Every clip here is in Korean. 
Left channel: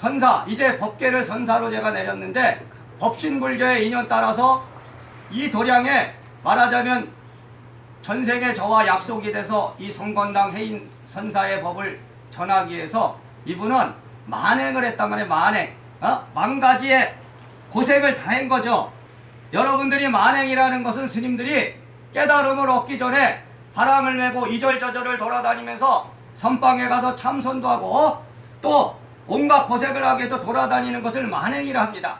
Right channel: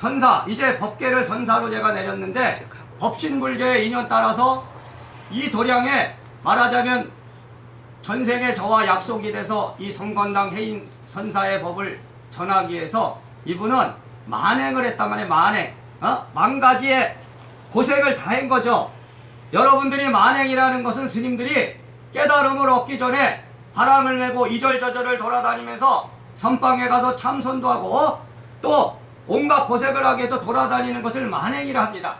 선사, 이제 법계를 선사로 제가 내렸는데 법신불교의 인연 따라서 이 도량에 말하자면 전생에 저와 약속이 돼서 이 성건당 해인 선사의 법을 전하기 위해서 이분은 만행을 했단 말이에요. 만행. 만 가지의 고생을 다 한 거죠. 여러분들이 만행이라는 것은 스님들이 깨달음을 얻기 전에 바람을 메고 이절저절을 돌아다니면서 선방에 가서 참선도 하고 또 온갖 고생을 하기 위해서 돌아다니는 것을 만행이라 합니다.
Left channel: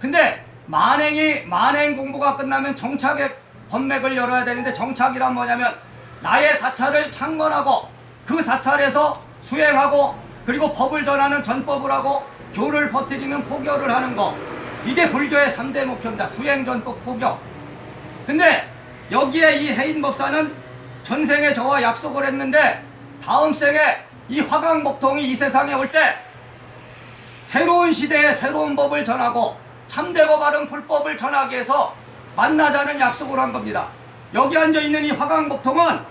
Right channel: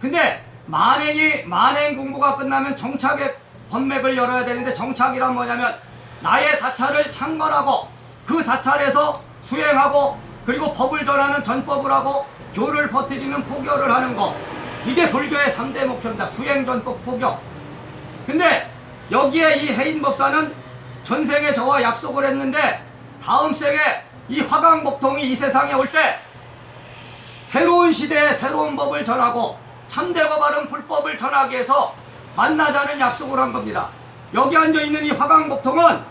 근데 만행 공부가 끝나면 정착의 법맥을 열어야 되는데, 정착이란 뭐냐면 나의 사찰을 창건하고 그 사찰에서 수행하고 그리고 법을 전하는 전법을 하고 교를 퍼뜨리는 포교를 하는 거, 이게 불교의 3대 목표입니다. 수행, 전법, 포교. 근데 여기에 이 해인법사는 전생에 저와 약속을 했는데 다음 생에 이 화강법통이 이 세상에 올 때 새로운 시대에 새로운 법을 전하고 참되고 바른 불법을 전하기 위해서 만나자는 약속을 한 겁니다. 여기 앉아있는 이 화강법통은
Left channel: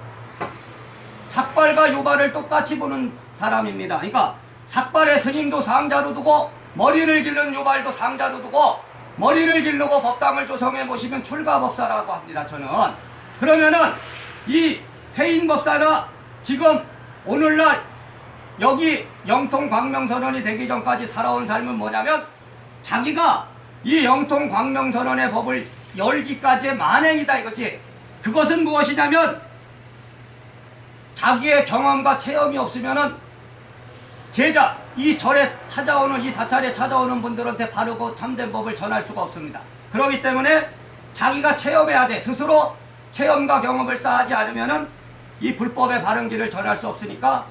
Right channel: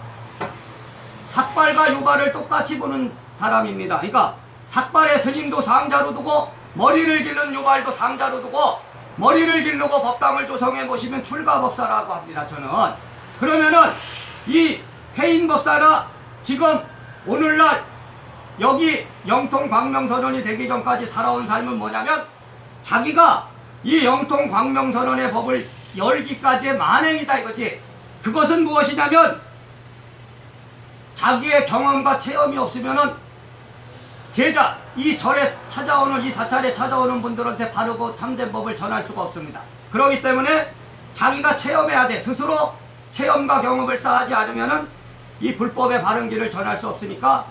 삭발과 유발을 똑같이 보는 사람입니다. 그러니까 삭발의 스님도 상자로 두고 머리를 기른 유발도 상자로 두고 머리를 기르고 법당을 조성해 보시면 출가법사라고 합니다. 저는. 그러면은 이 해인법사가 지금 오늘날 여기 영통 광명선언이 되기 전까지 살아온 삶은 뭐냐면 자기가 이 영통 광명선언의 법을 열기까지의 만행이다 이거지. 그것은 무엇이냐면 자기의 경험과 체험이 없으면은 제자, 이 절에 찾아오는, 이 사찰에 찾아오는 분들한테 바르고 참된 법을 전할 수가 없습니다. 그렇기 때문에 자기가 체험해야 돼. 스스로 체험과 경험을 쌓지 않으면은 이 불법의 바른 길을 전할 수 없으니까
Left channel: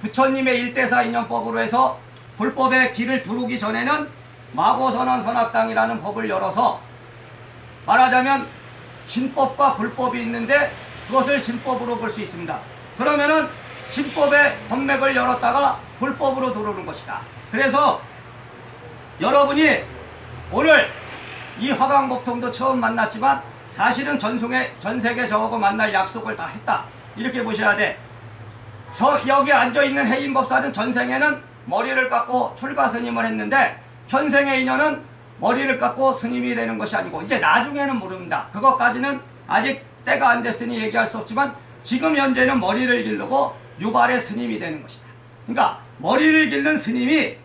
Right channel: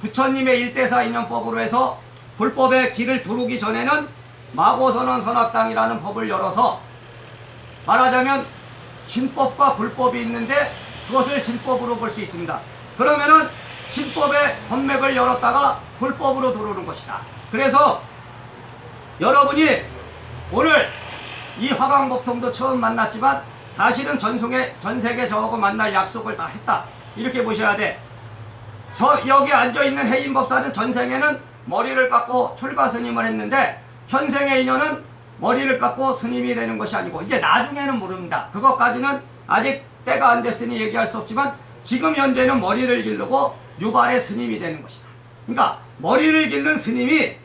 부처님의 일대사 인연법으로 해서 불법의 길을 두르기 전에는 마고선언 선악당이라는 법을 열어서 말하자면 신법과 불법이 있는데 그것을 신법으로 볼 수 있습니다. 그러면은 신법의 법맥을 열었다가 불법으로 들어오는 것이다. 그래서 여러분이 오늘 이 화강법통도 처음 만났지만 사실은 전세계 저하고 만날 약속을 다 했다. 이렇게 보셔야 돼. 여기 앉아있는 해인법사는 전생에는 머리를 깎고 출가 스님을 했는데 현생의 인연은 머리를 깎고 스님이 되는 것이 아니고 이제 나중에는 모릅니다. 그것까지는 아직 때가 안 됐으니 얘기할 수 없지만 지금 현재는 머리를 기르고 유발의 스님이 되는 것이다. 그러니까 머리를 기른 스님이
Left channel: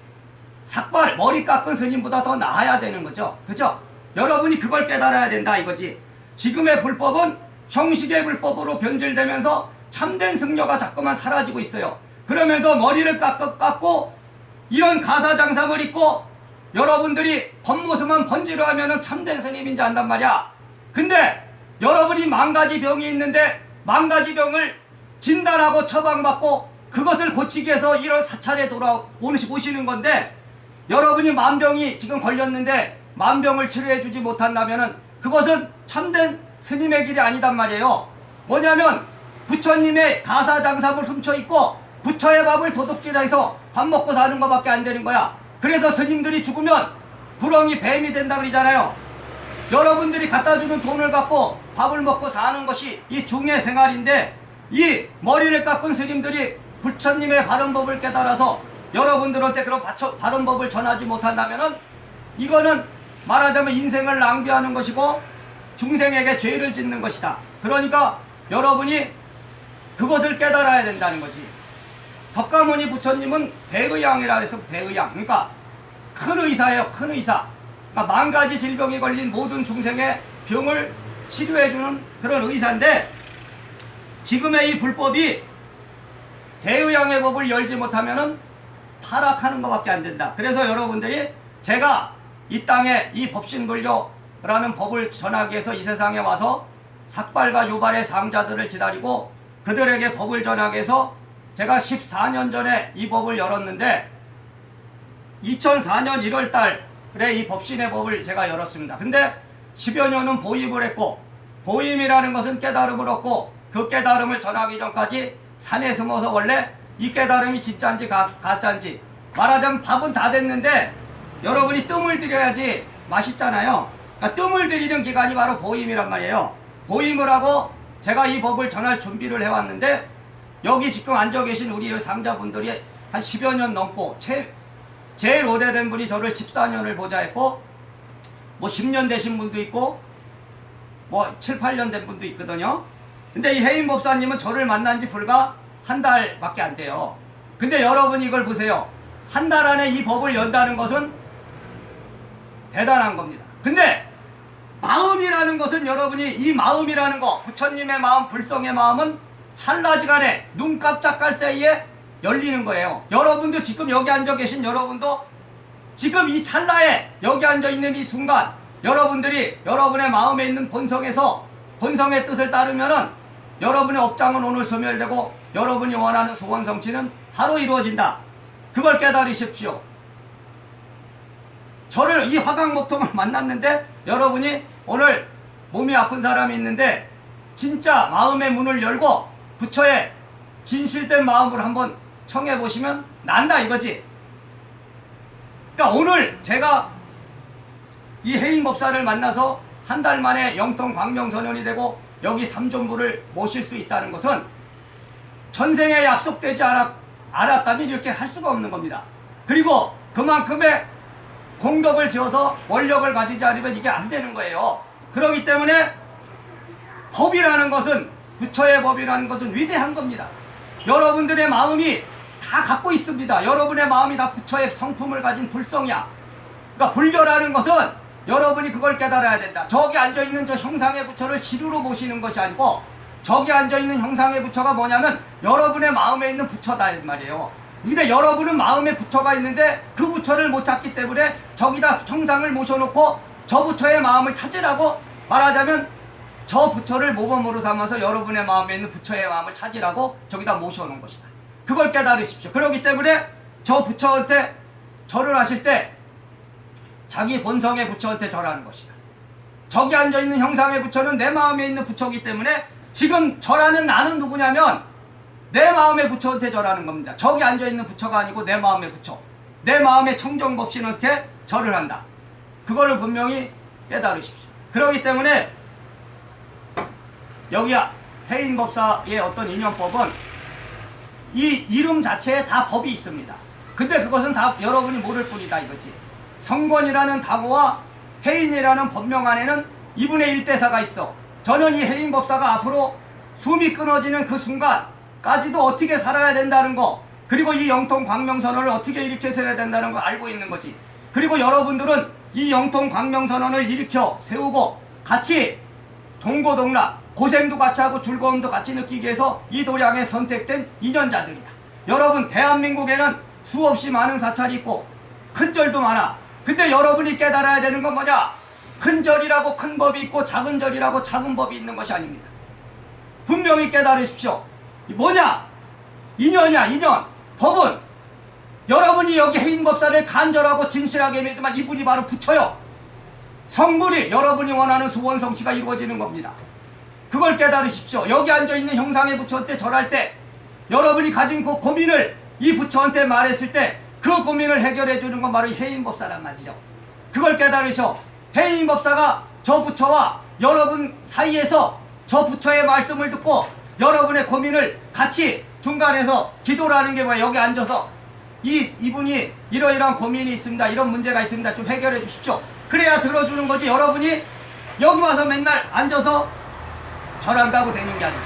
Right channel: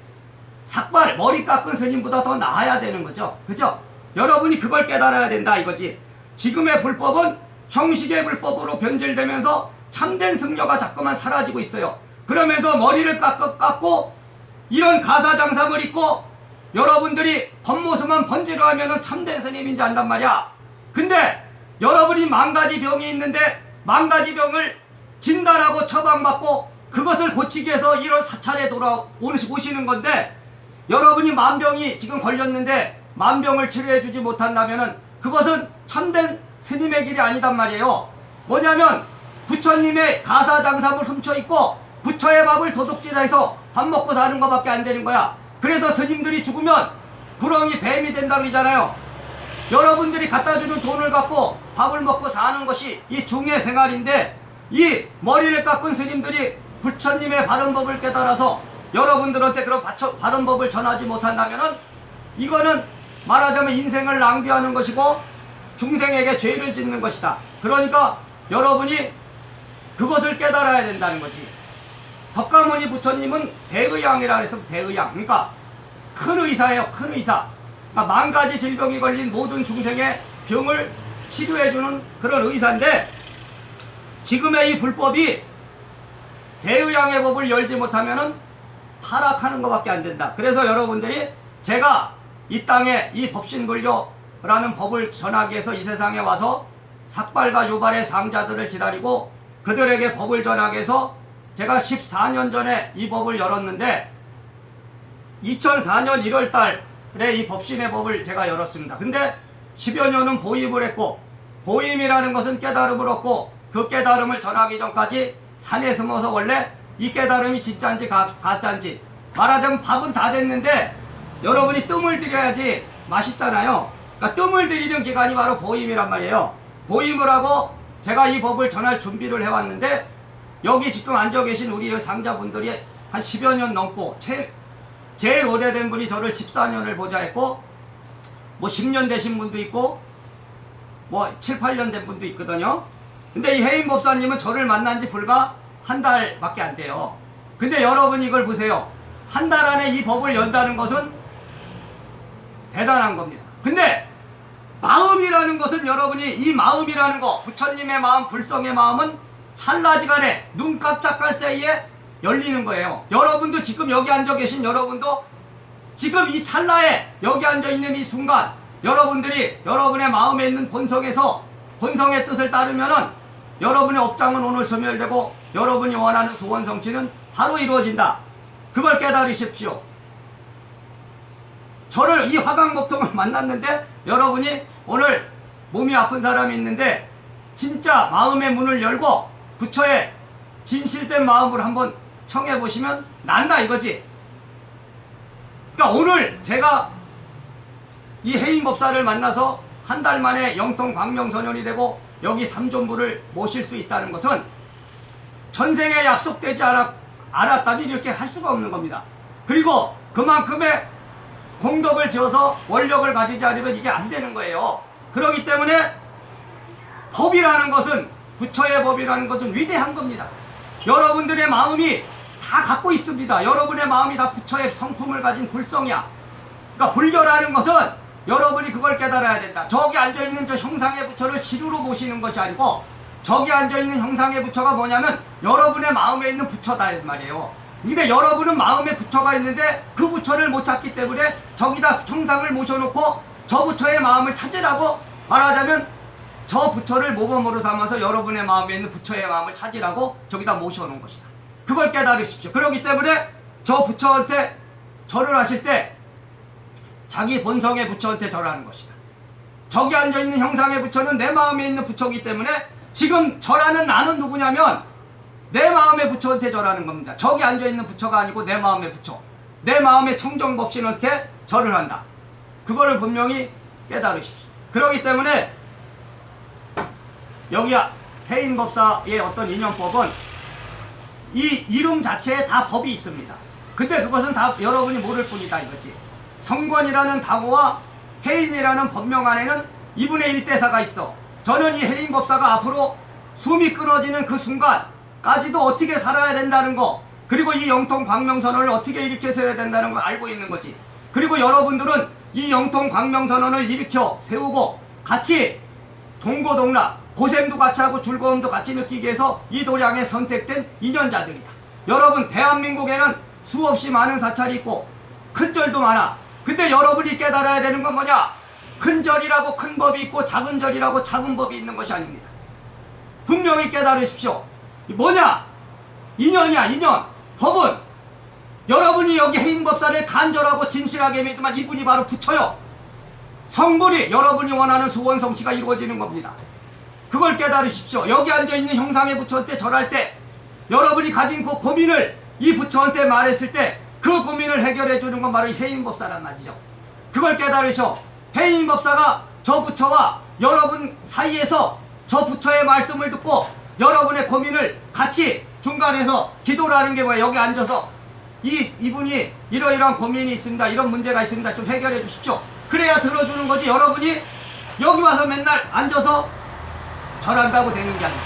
삭발, 머리 깎은 스님보다 더 나아야 되는 거죠. 그죠? 여러분이 그걸 깨달아야 된다 이거지. 지금의 불법은 형식의 불법으로 변질되면서 참된 승려가 자꾸만 사라지고 있어요. 그러면서 머리를 깎고 이런 가사장삼을 입고 여러분들이 겉모습만 번지르 하면은 참된 스님인지 안단 말이야. 근데 여러분이 만 가지 병이 있는데 만 가지 병을 진단하고 처방받고 그것을 고치기 위해서 이런 사찰에 오시는 건데 여러분이 만병이 지금 걸렸는데 만병을 치료해 주지 못한다면은 그것은 참된 스님의 길이 아니단 말이에요. 뭐냐면 부처님의 가사장삼을 훔쳐입고 부처의 밥을 도둑질해서 밥 먹고 사는 것밖에 안 되는 거야. 그래서 스님들이 죽으면 구렁이 뱀이 된다 그러잖아요. 여러분들이 갖다주는 돈을 갖고 밥을 먹고 사는 것이 이 중의 생활인데 이 머리를 깎은 스님들이 부처님의 바른 법을 깨달아서 여러분들한테 그런 바른 법을 전하지 못한다면은 이거는 말하자면 인생을 낭비하는 것이고 중생에게 죄를 짓는 것이다. 그러니까 여러분이 그것을 깨달아야 된다는 거지. 석가모니 부처님은 대의양이라 그래서 대의양. 그러니까 큰 의사예요. 큰 의사. 그러니까 만 가지 질병이 걸린 모든 중생의 병을 치료해주는 그런 의사인데 지금의 이 불법이 대의양의 법을 열지 못하면은 타락하는 것밖에 안 된다. 그래서 여러분들이 제가 이 땅에 이 법신불교라는 법을 전하기 위해서 이 세상에 와서 삭발과 유발의 상자들을 기다리고 그들에게 법을 전하기 위해서 제가 14년 전에 이 법을 열었는데 2004년 1월 달에 이 법신의 법을 제가 열었습니다. 근데 10여 년은 보임을 했고 보임이라는 것은 깨달음을 얻고 그 깨달음을 전하기 전까지 산에 숨어서 원래 이 깨달음이 진짜인지 가짜인지 말하자면 밥은 다 됐는데 여러분이 뜸을 들여야지 맛있잖아요. 그러니까 뜸을 들이는 기간이 바로 보임이란 말이에요. 보임을 하고 제가 이 법을 전할 준비를 해왔는데 여기 지금 앉아 계신 우리 상자분들이 한 10여 년 넘고 제일 오래된 분이 저를 14년을 보좌했고 뭐 10년 되신 분도 있고 뭐 7, 8년 된 분도 있거든요. 근데 이 해인 법사님은 저를 만난 지 불과 한 달밖에 안 돼요. 근데 여러분 이걸 보세요. 한 달 안에 이 법을 연다는 것은 대단한 겁니다. 근데 마음이라는 것은 여러분이 이 마음이라는 거, 부처님의 마음, 불성의 마음은 찰나지간에 눈 깜짝할 새에 열리는 거예요. 여러분도 지금 여기 앉아 계신 여러분도 지금 이 찰나에 여기 앉아 있는 이 순간 여러분들이 여러분의 마음에 있는 본성에서 본성의 뜻을 따르면은 여러분의 업장은 오늘 소멸되고 여러분이 원하는 소원 성취는 바로 이루어진다. 그걸 깨달으십시오. 저를 이 화강목통을 만났는데 여러분이 오늘 몸이 아픈 사람이 있는데 진짜 마음의 문을 열고 부처의 진실된 마음으로 한번 청해 보시면 난다 이거지. 그러니까 오늘 제가 이 해인법사를 만나서 한 달 만에 영통 광명선언이 되고 여기 삼존부를 모실 수 있다는 것은 전생에 약속되지 않았다면 이렇게 할 수가 없는 겁니다. 그리고 그만큼의 공덕을 지어서 원력을 가지지 않으면 이게 안 되는 거예요. 그렇기 때문에 법이라는 것은 부처의 법이라는 것은 위대한 겁니다. 여러분들의 마음이 다 갖고 있습니다. 여러분의 마음이 다 부처의 성품을 가진 불성이야. 그러니까 불교라는 것은 여러분이 그걸 깨달아야 된다. 저기 앉아있는 저 형상의 부처를 시루로 모시는 것이 아니고 저기 앉아있는 형상의 부처가 뭐냐면 여러분의 마음에 있는 부처다 이 말이에요. 근데 여러분은 마음에 부처가 있는데 그 부처를 못 찾기 때문에 저기다 형상을 모셔놓고 저 부처의 마음을 찾으라고 말하자면 저 부처를 모범으로 삼아서 여러분의 마음에 있는 부처의 마음을 찾으라고 저기다 모셔놓은 것이다. 그걸 깨달으십시오. 그렇기 때문에 저 부처한테 절을 하실 때 자기 본성의 부처한테 절하는 것이다. 저기 앉아있는 형상의 부처는 내 마음에 있는 부처이기 때문에 지금 절하는 나는 누구냐면 내 마음의 부처한테 절하는 겁니다. 저기 앉아있는 부처가 아니고 내 마음의 부처. 내 마음의 청정법신한테 절을 한다. 그거를 분명히 깨달으십시오. 그렇기 때문에 여기 해인법사의 어떤 인연법은 이 이름 자체에 다 법이 있습니다. 근데 그것은 다 여러분이 모를 뿐이다 이거지. 성권이라는 단어와 해인이라는 법명 안에는 2분의 1대사가 있어. 저는 이 해인법사가 앞으로 숨이 끊어지는 그 순간까지도 어떻게 살아야 된다는 거, 그리고 이 영통 광명선언을 어떻게 일으켜서 해야 된다는 걸 알고 있는 거지. 그리고 여러분들은 이 영통 광명선언을 일으켜 세우고 같이 동고동락, 고생도 같이 하고 즐거움도 같이 느끼기 위해서 이 도량에 선택된 인연자들이다. 여러분 대한민국에는 수없이 많은 사찰이 있고 큰 절도 많아. 근데 여러분이 깨달아야 되는 건 뭐냐? 큰 절이라고 큰 법이 있고 작은 절이라고 작은 법이 있는 것이 아닙니다. 분명히 깨달으십시오. 뭐냐? 인연이야 인연. 법은 여러분이 여기 해인법사를 간절하고 진실하게 믿으면 이분이 바로 부처요. 성불이 여러분이 원하는 소원 성취가 이루어지는 겁니다. 그걸 깨달으십시오. 여기 앉아있는 형상의 부처한테 절할 때 여러분이 가진 그 고민을 이 부처한테 말했을 때 그 고민을 해결해 주는 건 바로 해인법사란 말이죠. 그걸 깨달으셔. 해인법사가 저 부처와 여러분 사이에서 저 부처의 말씀을 듣고 여러분의 고민을 같이 중간에서 기도라는 게 뭐야? 여기 앉아서 이분이 이러이러한 고민이 있습니다. 이런 문제가 있습니다. 좀 해결해 주십시오. 그래야 들어주는 거지. 여러분이 여기 와서 맨날 앉아서 절한다고 되는 게 아니에요.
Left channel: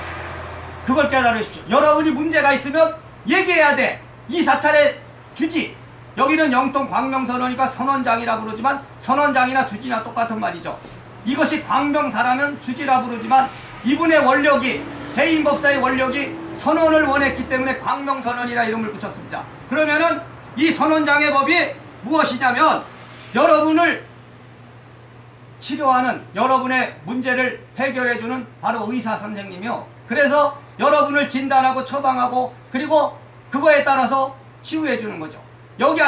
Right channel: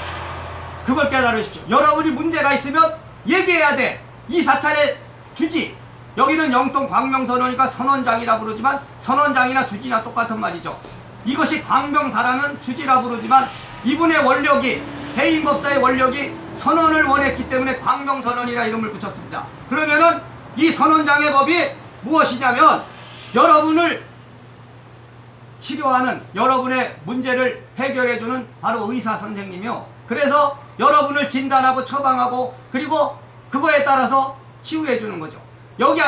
그걸 깨달으십시오. 여러분이 문제가 있으면 얘기해야 돼. 이 사찰의 주지. 여기는 영통 광명선언이니까 선언장이라 부르지만 선언장이나 주지나 똑같은 말이죠. 이것이 광명사라면 주지라 부르지만 이분의 원력이 해인법사의 원력이 선언을 원했기 때문에 광명선언이라 이름을 붙였습니다. 그러면은 이 선언장의 법이 무엇이냐면 여러분을 치료하는 여러분의 문제를 해결해주는 바로 의사 선생님이요. 그래서 여러분을 진단하고 처방하고 그리고 그거에 따라서 치유해주는 거죠. 여기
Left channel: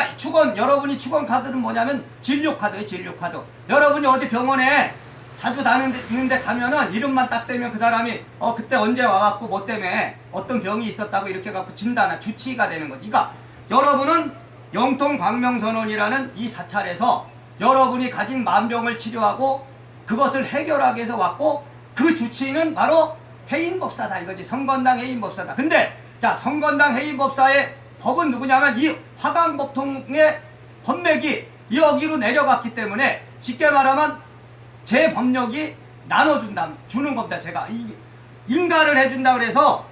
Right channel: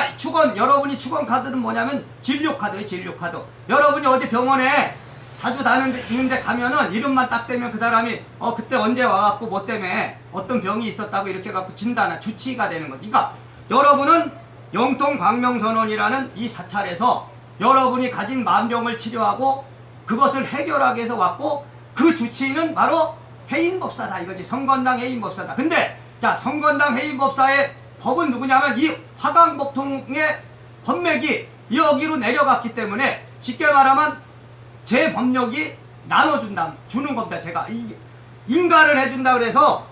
여러분이 축원 카드는 뭐냐면 진료카드예요. 진료카드. 여러분이 어디 병원에 자주 다니는데 가면은 이름만 딱 대면 그 사람이 그때 언제 와갖고 뭐 때문에 어떤 병이 있었다고 이렇게 갖고 진단한 주치의가 되는 거지. 그러니까 여러분은 영통 광명선언이라는 이 사찰에서 여러분이 가진 만병을 치료하고 그것을 해결하기 위해서 왔고 그 주치의는 바로 해인법사다 이거지. 성건당 해인법사다. 근데 자 성건당 해인법사의 법은 누구냐면 이 화강법통의 법맥이 여기로 내려갔기 때문에 쉽게 말하면 제 법력이 주는 겁니다. 제가 인가를 해준다 그래서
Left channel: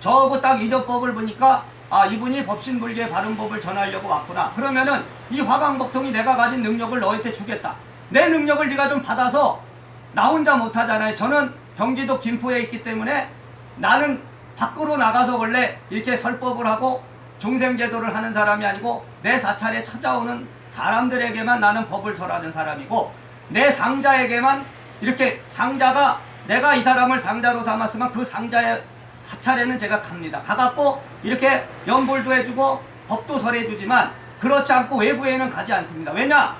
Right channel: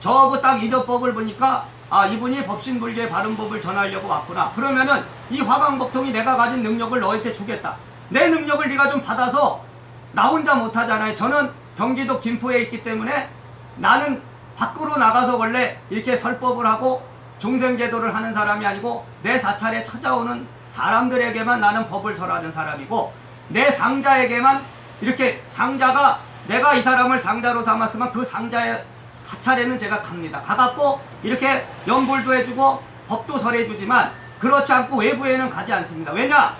저거 딱 인연법을 보니까 아, 이분이 법신불교의 바른 법을 전하려고 왔구나. 그러면은 이 화강법통이 내가 가진 능력을 너한테 주겠다. 내 능력을 네가 좀 받아서 나 혼자 못하잖아요. 저는 경기도 김포에 있기 때문에 나는 밖으로 나가서 원래 이렇게 설법을 하고 종생제도를 하는 사람이 아니고 내 사찰에 찾아오는 사람들에게만 나는 법을 설하는 사람이고 내 상자에게만 이렇게 상자가 내가 이 사람을 상자로 삼았으면 그 상자의 사찰에는 제가 갑니다. 가갖고 이렇게 연불도 해주고 법도 설해주지만 그렇지 않고 외부에는 가지 않습니다. 왜냐?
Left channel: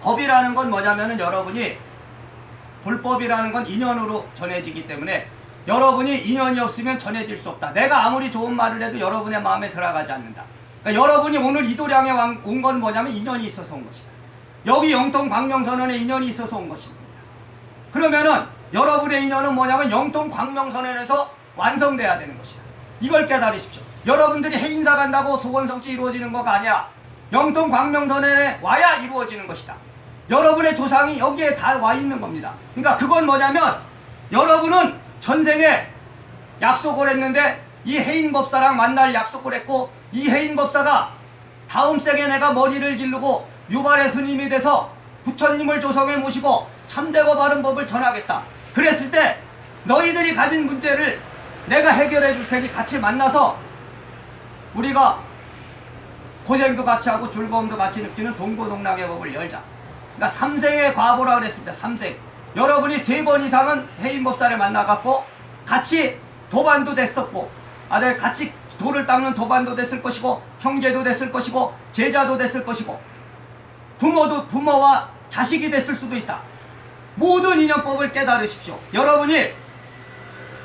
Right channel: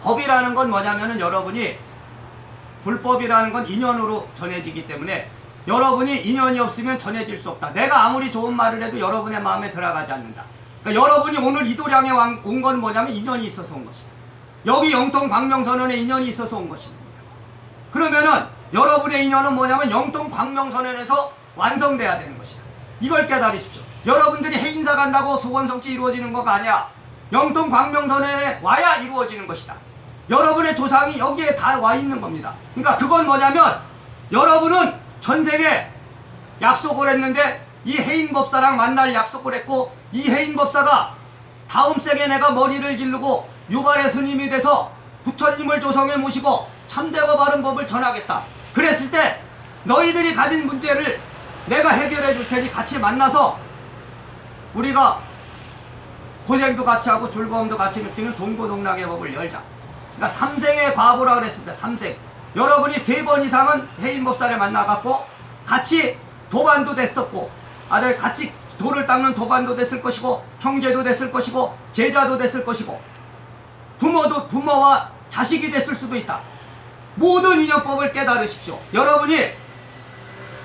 법이라는 건 뭐냐면은 여러분이 불법이라는 건 인연으로 전해지기 때문에 여러분이 인연이 없으면 전해질 수 없다. 내가 아무리 좋은 말을 해도 여러분의 마음에 들어가지 않는다. 그러니까 여러분이 오늘 이도량에 온 건 뭐냐면 인연이 있어서 온 것이다. 여기 영통 광명선언에 인연이 있어서 온 것입니다. 그러면은 여러분의 인연은 뭐냐면 영통 광명선언에서 완성돼야 되는 것이다. 이걸 깨달으십시오. 여러분들이 해인사 간다고 소원성취 이루어지는 거가 아니야. 영통 광명선언에 와야 이루어지는 것이다. 여러분의 조상이 여기에 다 와 있는 겁니다. 그러니까 그건 뭐냐면 여러분은 전생에 약속을 했는데 이 해인법사랑 만날 약속을 했고 이 해인법사가 다음 생에 내가 머리를 기르고 유발의 스님이 돼서 부처님을 조성해 모시고 참되고 바른 법을 전하겠다. 그랬을 때 너희들이 가진 문제를 내가 해결해 줄 테니 같이 만나서 우리가 고생도 같이 하고 즐거움도 같이 느끼는 동고동락의 법을 열자. 그러니까 삼생의 과보라 그랬습니다. 삼생. 여러분이 3번 이상은 해인법사를 만나갖고 같이 도반도 됐었고 같이 도를 닦는 도반도 됐을 것이고 형제도 됐을 것이고 제자도 됐을 것이고 부모와 자식이 됐을 수도 있다. 모든 인연법을 깨달으십시오. 여러분이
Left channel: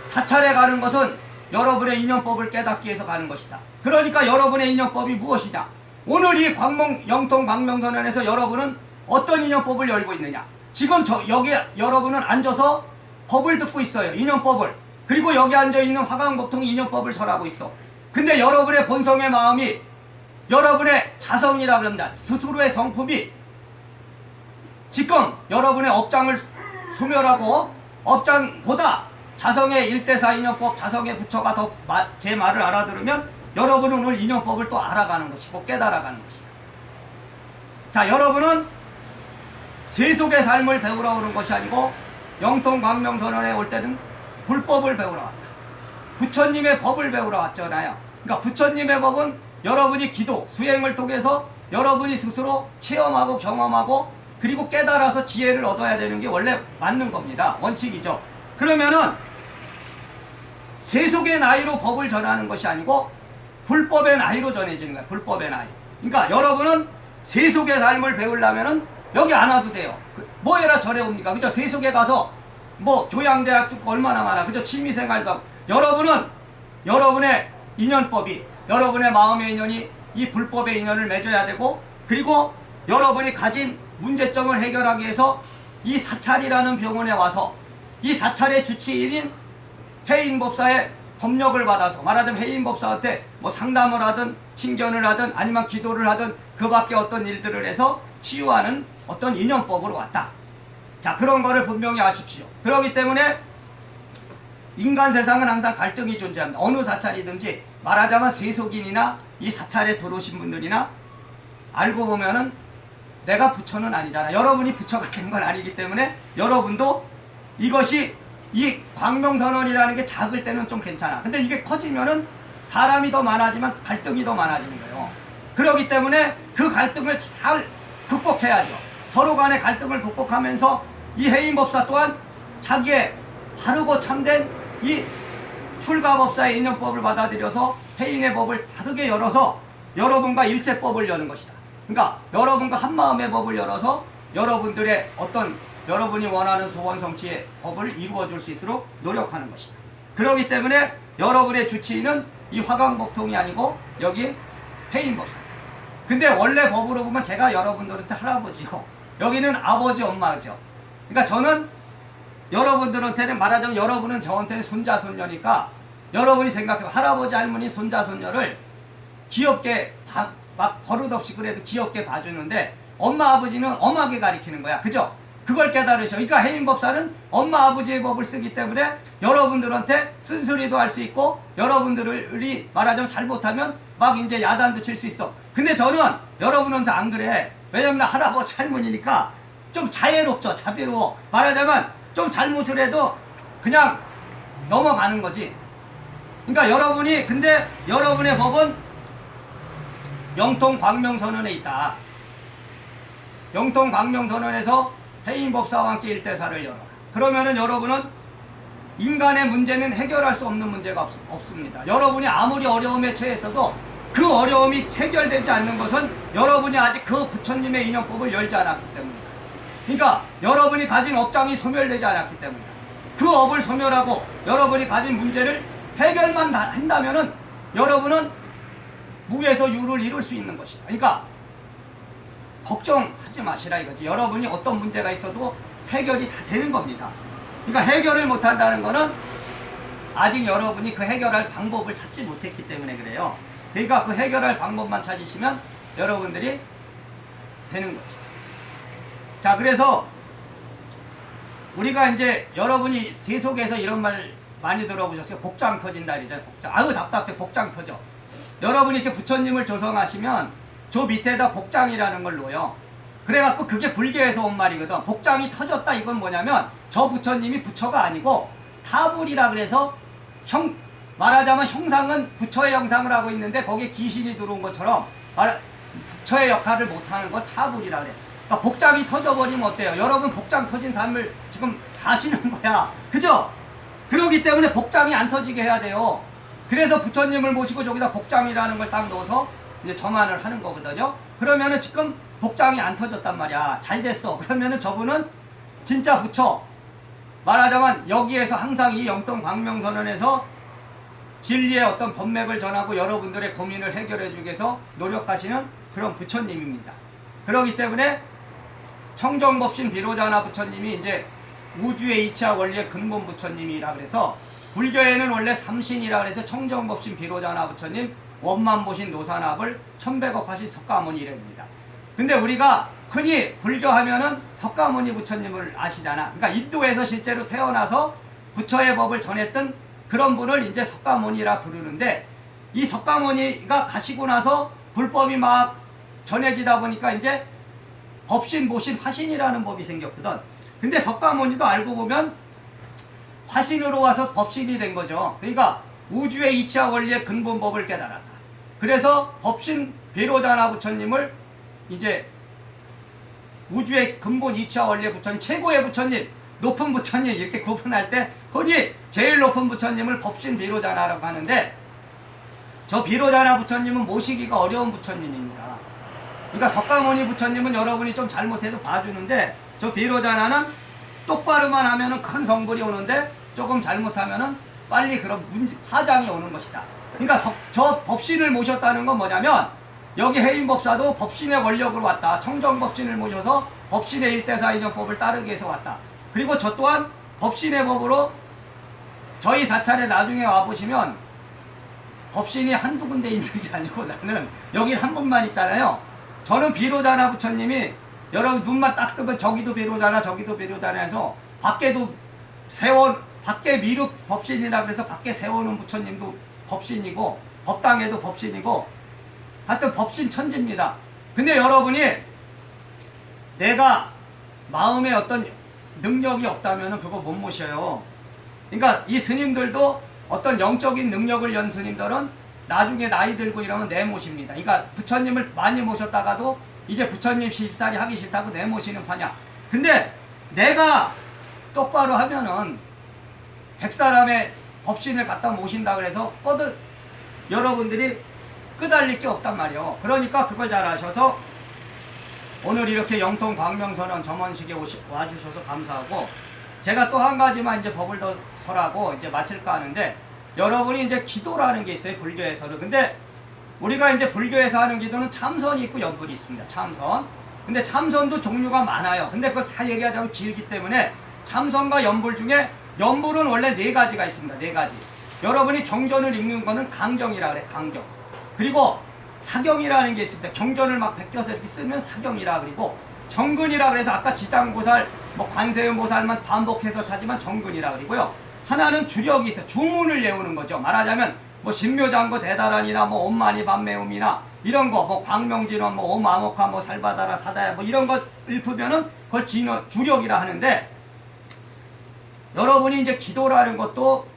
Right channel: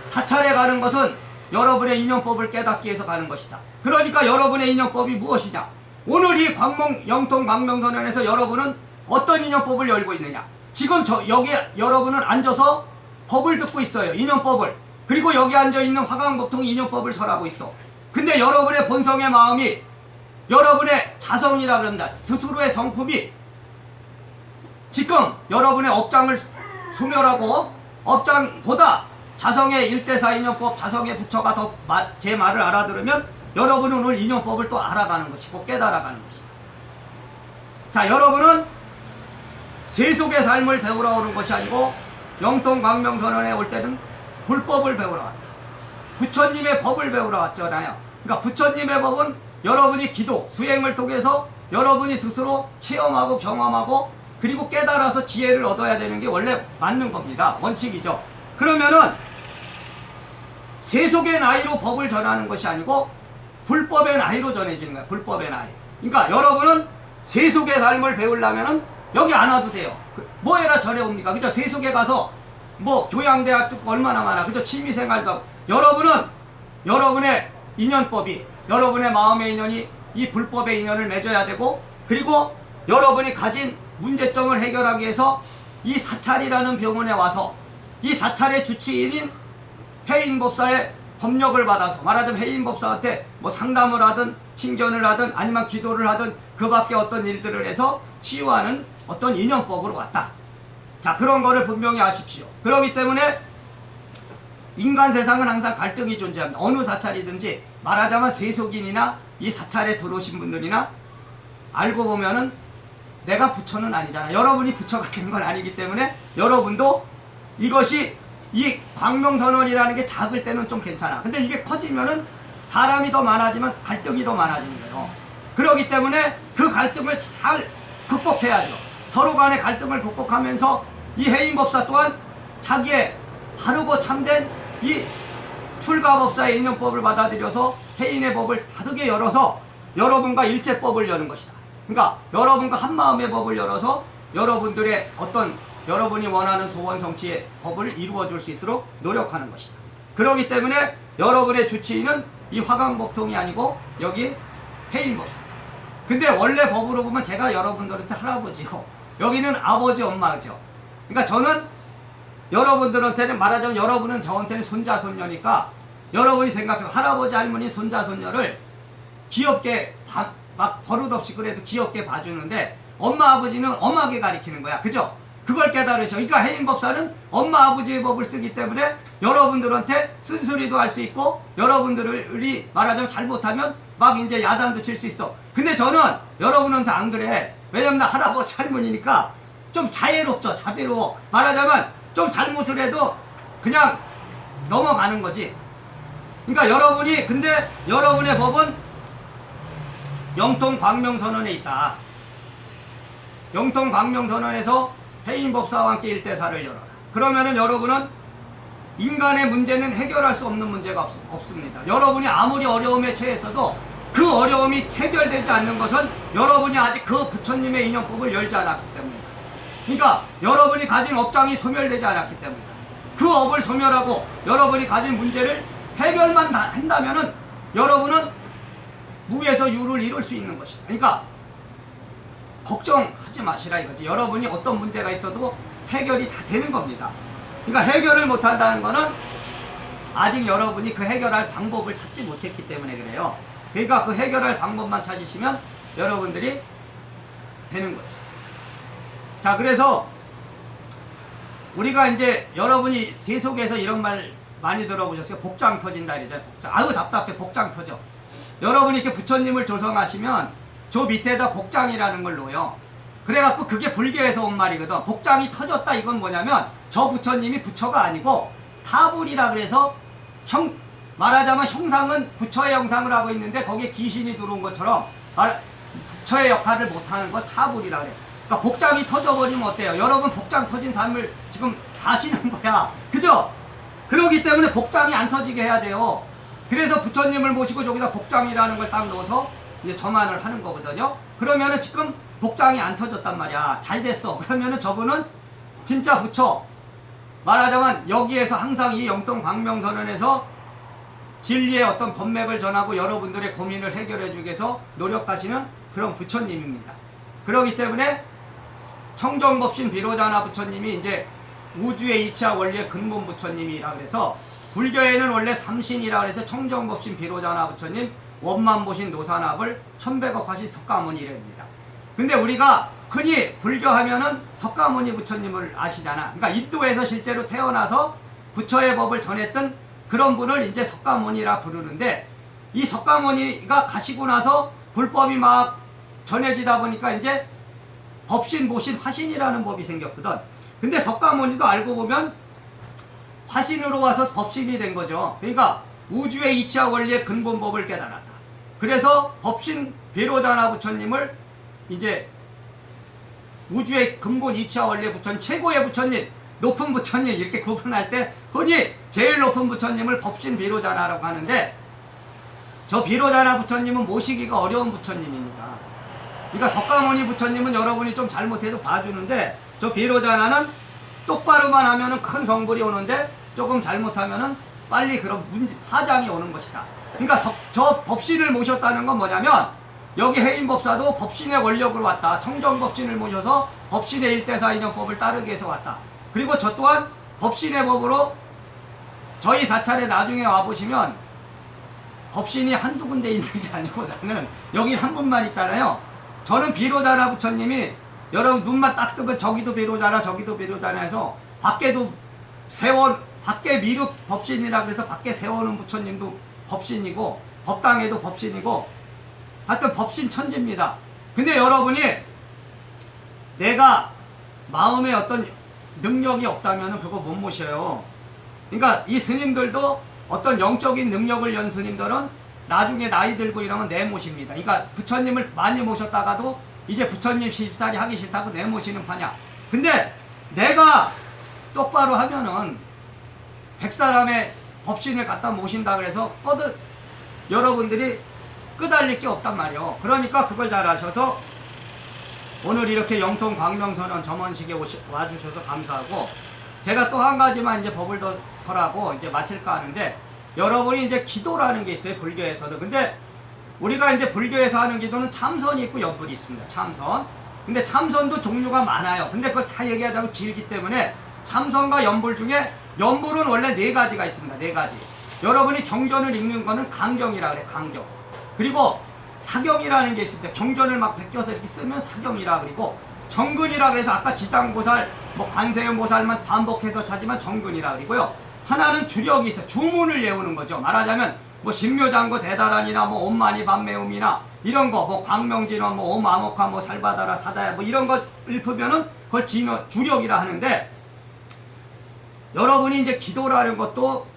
사찰에 가는 것은 여러분의 인연법을 깨닫기 위해서 가는 것이다. 그러니까 여러분의 인연법이 무엇이냐? 오늘 이 영통 광명선언에서 여러분은 어떤 인연법을 열고 있느냐? 지금 여기 여러분은 앉아서 법을 듣고 있어요. 인연법을. 그리고 여기 앉아있는 화강법통 인연법을 설하고 있어. 근데 여러분의 본성의 마음이 여러분의 자성이라 그럽니다. 스스로의 성품이 지금 여러분의 업장을 소멸하고 업장보다 자성의 1대4 인연법, 자성의 부처가 더 제 말을 알아들으면 여러분은 오늘 인연법을 또 알아가는 것이고 깨달아가는 것이다. 자, 여러분은 세속의 삶을 배우러 오는 것이 아니고 영통 광명선언에 올 때는 불법을 배우러 왔다. 부처님의 법을 배우러 왔잖아요. 그러니까 부처님의 법은 여러분이 기도, 수행을 통해서 여러분이 스스로 체험하고 경험하고 그리고 깨달아서 지혜를 얻어야 되는 게 원래 맞는 겁니다. 원칙이죠. 그러면은 세속의 나이로 법을 전하는 것이 아니고 불법의 나이로 전해지는 거예요. 불법의 나이. 그러니까 여러분은 세속의 삶을 배우려면은 여기 안 와도 돼요. 뭐 해라 절에 옵니까? 그죠? 세속에 가서 뭐 교양대학 듣고 얼마나 많아. 그죠? 취미생활도 하고. 여러분은 여러분의 인연법이 여러분의 마음의 인연이 이 불법의 인연을 맺어야 되고 그리고 여러분이 가진 문제점을 해결하기 위해서 이 사찰이라는 병원에 와서 이 사찰의 주치인인 해인법사의 법력을 받아서 말하자면 해인법사한테 뭐 상담을 하든 친견을 하든 아니면 기도를 하든 그 밖에 어떤 일들을 해서 치유하는 어떤 인연법으로 왔다. 자, 그런 거를 분명히 아십시오. 그렇기 때문에 인간 세상은 항상 갈등이 존재합니다. 어느 사찰이든지 말하자면 세속인이나 이 사찰에 들어오신 분들이나 알고 보면은 내가 부처는 아니잖아. 여러분이 부처가 된 건 아니기 때문에 여러분도 이것이 이 광명선언이라는 게 작을 때는 좀 괜찮아. 근데 이게 커지면은 사람이 더 많아지면 갈등이 더 많아지는 거예요. 그렇기 때문에 그 갈등을 잘 극복해야죠. 서로 간의 갈등을 극복하면서 이 해인법사 또한 자기의 바르고 참된 이 출가법사의 인연법을 받아들여서 해인의 법을 바르게 열어서 여러분과 일체법을 여는 것이다. 그러니까 여러분과 한마음의 법을 열어서 여러분들의 어떤 여러분이 원하는 소원 성취의 법을 이루어 줄 수 있도록 노력하는 것이다. 그렇기 때문에 여러분의 주치의는 이 화강법통이 아니고 여기 해인법사다. 근데 원래 법으로 보면 제가 여러분들한테 할아버지고 여기는 아버지 엄마죠. 그러니까 저는 여러분들한테는 말하자면 여러분은 저한테는 손자 손녀니까 여러분이 생각해봐. 할아버지, 할머니, 손자, 손녀를 귀엽게 막 버릇없이 그래도 귀엽게 봐주는데 엄마, 아버지는 엄하게 가리키는 거야. 그죠? 그걸 깨달으셔. 그러니까 해인법사는 엄마, 아버지의 법을 쓰기 때문에 여러분들한테 쓴소리도 할 수 있고 여러분들이 말하자면 잘못하면 막 이제 야단도 칠 수 있어. 근데 저는 여러분한테 안 그래. 왜냐면 나 할아버지, 할머니니까 좀 자애롭죠. 자비로워. 말하자면 좀 잘못을 해도 그냥 넘어가는 거지. 그러니까 여러분이, 근데 여러분의 법은 영통광명선언에 있다. 영통광명선언에서 해인법사와 함께 일대사를 열어라. 그러면은 여러분은 인간의 문제는 해결할 수 없는 문제가 없습니다. 여러분이 아무리 어려움에 처했어도 그 어려움이 해결되지 않는 것은 여러분이 아직 그 부처님의 인연법을 열지 않았기 때문이다. 그러니까 여러분이 가진 업장이 소멸되지 않았기 때문이다. 그 업을 소멸하고 여러분이 가진 문제를 해결만 한다면은 여러분은 무에서 유를 이룰 수 있는 것이다. 그러니까 걱정하지 마시라 이거지. 여러분이 어떤 문제가 있어도 해결이 다 되는 겁니다. 그러니까 해결을 못한다는 거는 아직 여러분이 그 해결할 방법을 찾지 못했기 때문에 그래요. 그러니까 그 해결할 방법만 찾으시면 여러분들이 되는 것이다. 자, 그래서 우리가 이제 여러분이 세속에서 이런 말 많이 들어보셨어요. 복장 터진다 이러잖아요. 복장. 아유 답답해. 복장 터져. 여러분이 이렇게 부처님을 조성하시면 저 밑에다 복장이라는 걸 놓아요. 그래갖고 그게 불교에서 온 말이거든. 복장이 터졌다 이건 뭐냐면 저 부처님이 부처가 아니고 타불이라 그래서 말하자면 형상은 부처의 형상을 하고 있는데 거기에 귀신이 들어온 것처럼 부처의 역할을 못하는 거 타불이라 그래. 그러니까 복장이 터져버리면 어때요? 여러분 복장 터진 삶을 지금 사시는 거야. 그죠? 그러기 때문에 복장이 안 터지게 해야 돼요. 그래서 부처님을 모시고 저기다 복장이라는 걸 딱 넣어서 이제 점안을 하는 거거든요. 그러면은 지금 복장이 안 터졌단 말이야. 잘 됐어. 그러면은 저분은 진짜 부처. 말하자면 여기에서 항상 이 영통광명선언에서 진리의 어떤 법맥을 전하고 여러분들의 고민을 해결해 주기 위해서 노력하시는 그런 부처님입니다. 그렇기 때문에 청정법신 비로자나 부처님이 이제 우주의 이치와 원리의 근본 부처님이라 그래서 불교에는 원래 삼신이라 그래서 청정법신 비로자나 부처님, 원만보신 노사납을 천백억하시 석가모니랍니다. 근데 우리가 흔히 불교하면은 석가모니 부처님을 아시잖아. 그러니까 인도에서 실제로 태어나서 부처의 법을 전했던 그런 분을 이제 석가모니라 부르는데 이 석가모니가 가시고 나서 불법이 막 전해지다 보니까 이제 법신, 보신, 화신이라는 법이 생겼거든. 근데 석가모니도 알고 보면 화신으로 와서 법신이 된 거죠. 그러니까 우주의 이치와 원리의 근본법을 깨달았다. 그래서 법신 비로자나 부처님을 이제 우주의 근본 이치와 원리의 부처님, 최고의 부처님, 높은 부처님 이렇게 구분할 때 흔히 제일 높은 부처님을 법신 비로자나라고 하는데 저 비로자나 부처님은 모시기가 어려운 부처님입니다. 그러니까 석가모니 부처님은 여러분이 좀 잘못해도 봐주는데 저 비로자나는 똑바로만 하면은 큰 성불이 오는데 조금 잘못하면은 빨리 그런 화장이 오는 것이다. 그러니까 저 법신을 모셨다는 건 뭐냐면 여기 해인법사도 법신의 원력으로 왔다. 청정법신을 모셔서 법신의 일대사 인연법을 따르기 위해서 왔다. 그리고 저 또한 법신의 법으로 저희 사찰에 나중에 와보시면 법신이 한두 군데 있는 게 아니고 나는 여기 한 분만 있잖아요. 저는 비로자나 부처님이 여러분 눈만 딱 뜨면 저기도 비로자나 저기도 비로자나 해서 밖에도 밖에 미륵 법신이라 그래서 밖에 세워놓은 부처님도 법신이고 법당에도 법신이고 하여튼 법신 천지입니다. 근데 여러분이 내가 마음에 어떤 능력이 없다면 그거 못 모셔요. 그러니까 이 스님들도 어떤 영적인 능력을 연 스님들은 나중에 나이 들고 이러면 내모십니다. 그러니까 부처님을 많이 모셨다가도 이제 부처님 시집살이 하기 싫다고 내모시는 판이야. 근데 내가 똑바로 하면은 100사람의 법신을 갖다 모신다 그래서 여러분들이 끄달릴 게 없단 말이에요. 그러니까 그걸 잘 아셔서 오늘 이렇게 영통광명선언 점원식에 와주셔서 감사하고 제가 또 한 가지만 이제 법을 더 설하고 이제 마칠까 하는데 여러분이 이제 기도라는 게 있어요. 불교에서는. 근데 우리가 이제 불교에서 하는 기도는 참선이 있고 연불이 있습니다. 참선. 근데 참선도 종류가 많아요. 근데 그걸 다 얘기하자면 길기 때문에 참선과 연불 중에 연불은 원래 4가지가 있습니다. 4가지. 여러분이 경전을 읽는 거는 강경이라 그래, 강경. 그리고 사경이라는 게 있습니다. 경전을 막 베껴서 이렇게 쓰면 사경이라 그리고 정근이라 그래서 아까 지장보살, 뭐 관세음보살만 반복해서 찾으면 정근이라 그리고요. 하나는 주력이 있어요. 주문을 외우는 거죠. 말하자면 뭐 신묘장구 대다란이나 뭐 옴마니 밤매음이나 이런 거, 뭐 광명진원, 뭐 옴아모카, 뭐 살바다라 사다야, 뭐 이런 거 읽으면은 그걸 주력이라 하는데, 여러분이 이제 기도라는 것도